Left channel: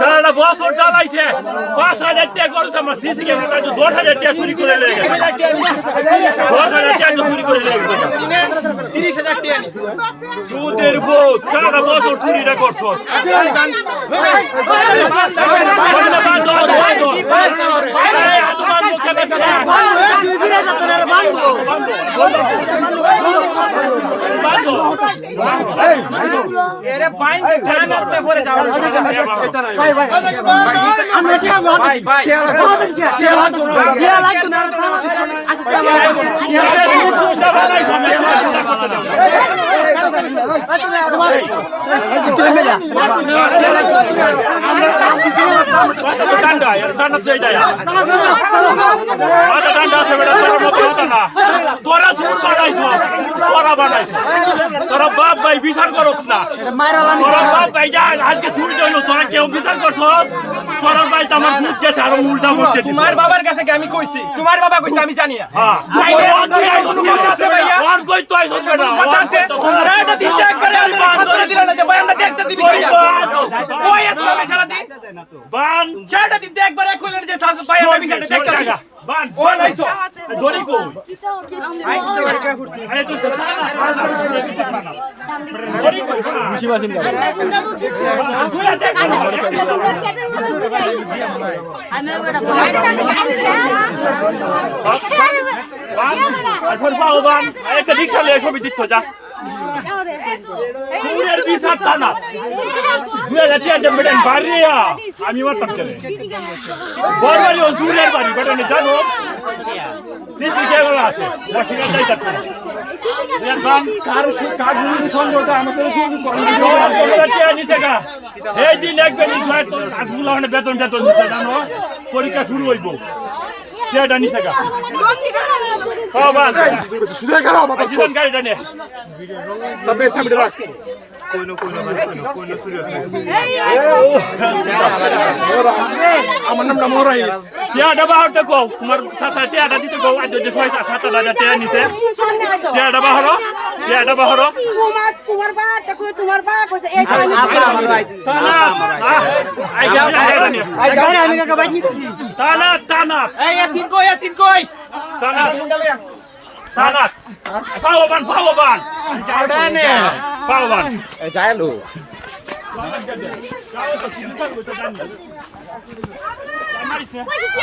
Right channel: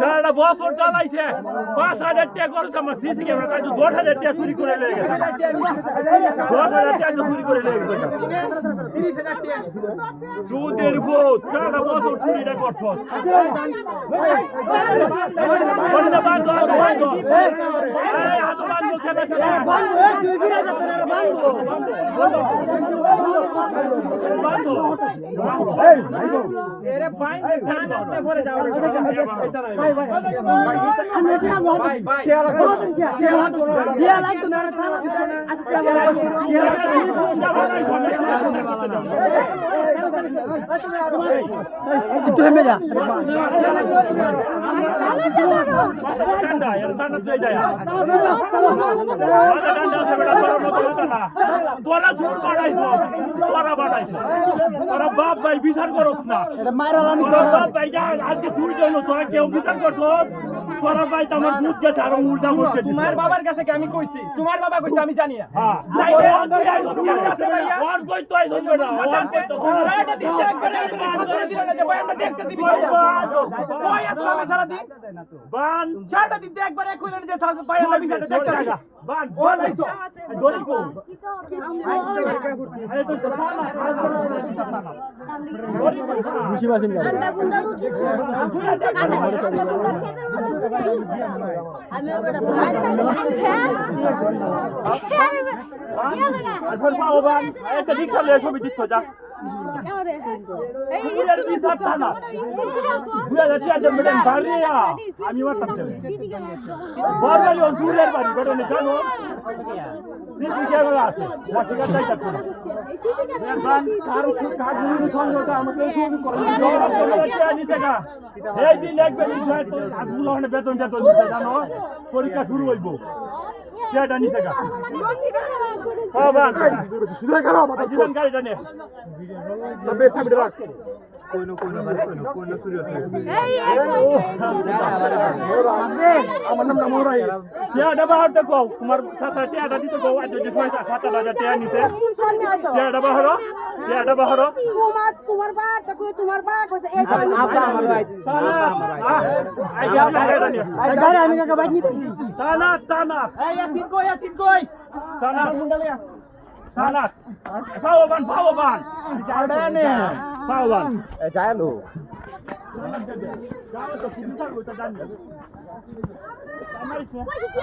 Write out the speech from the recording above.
সারা বছর চালাইছে ৫,০০০ টাকা খরচ আমার সিসি ক্যামেরা ১০,০০০ টাকা চুরি করে লেগে গেছে ১০,০০০ টাকা চুরি করে লেগে গেছে ৩০,০০০ টাকা সুদের ভূত সারা বছর চুরিটা করছ তোরা বাপ ভাই বিচার করস না বাপ ভাই যা আজকে চুরি হইলো তোরা কেউ বিচার করছ তোরা ভাই তো আমার ভূত গেছে আরো উল্টা করছে তোমার বাবার কাছে কি আমি কইছি তোমার বাবা কইছে আমি জানি না এখন পাও বান একটা রিক্সা নিয়ে ছবি দিচ্ছ যা বিচার টানা ২০০০ মেডেন বাড়িয়া আমি মারতাম কেন বড়বাড়ি ও জুরের বাড়ি ঘটনা জানো সিসি ক্যামেরা আছে ওয়াশিংটন যাই থাকবে এই দিন একবার বেতন টেতন দিচ্ছে জানো পরীক্ষা শুরু হইব কেটা নিছে গা গাড়িটা নে আমার নামটা মোরাই টিয়াটা বাহারতে কও তোমার সাথে টিয়াটা দিতে কও আজ যে ৬,০০০ টাকা নিতে টিয়াটা বাহারো তোমার বা দেখো তোমার বা কইছে এই আমার ভাই গাড়ি আমি কাকা বাইক নিতেছি টানা এই ইয়াসিন কই টানা পাওবান জাউডানে পাওবান যাইলো কইছে কি